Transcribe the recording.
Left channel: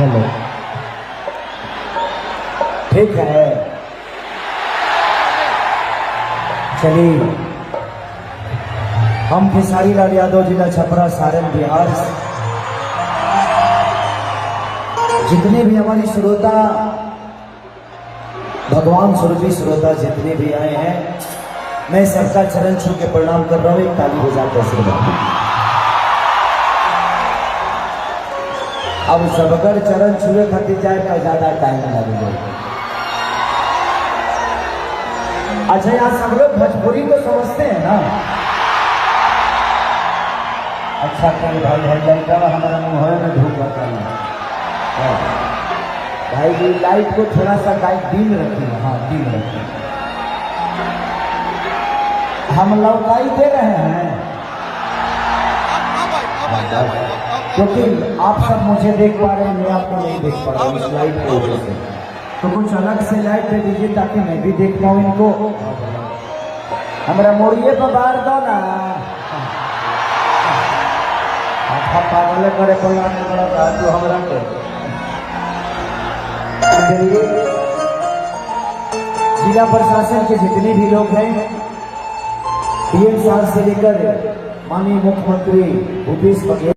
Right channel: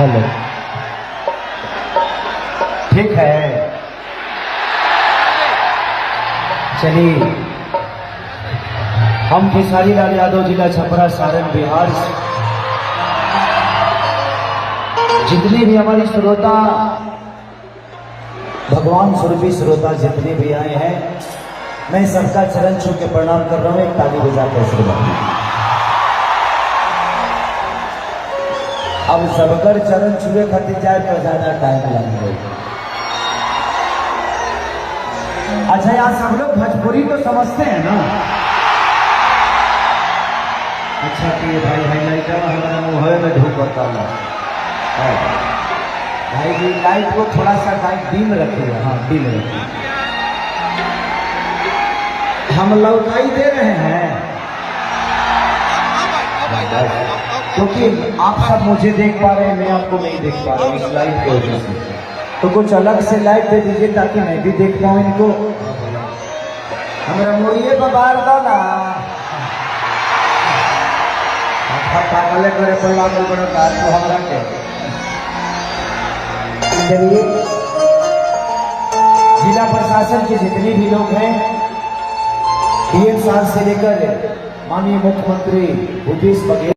हेलो, ठीक है। चलिए, हम खेसारी लाल यादव, जिला छपरा, सारण, बिहार, जितने भी हमारी श्रोता, भगवान स्वरूपी श्रोता जितने भी आए हैं, मैं सबका चरण छू के प्रणाम कर रहा हूं। एक ताली बजाकर श्रीमान। अब सबकर चरण छुए खातिर जाए तो ज्यादा टाइम लगेगा। अच्छा, यहाँ सब लोग भोजपुरी तो समझते हैं ना? अच्छा, भाई लड़का हमारे धूप होता भाई जी, लाइट को थोड़ा सा डिम रखिए। हाँ, डिम रखिए। हम लौकाई दे रहे हैं क्योंकि आप सब मुझे देख पा रहे हैं, मैं आपको नहीं देख पा रहा हूँ इस लाइट की वजह से। तो कुछ अलग से लाइट दे दीजिए ताकि मैं भी देख पाऊँ इनको। हमारा मोरिए पर बार दो ना, पागल करे तो लागू बड़ा बात तो हमारा के। चलिए, जिला प्रशासन के जितने भी लोग हैं, डीएम साहब से लेकर माननीय मुख्यमंत्री भूपेश बघेल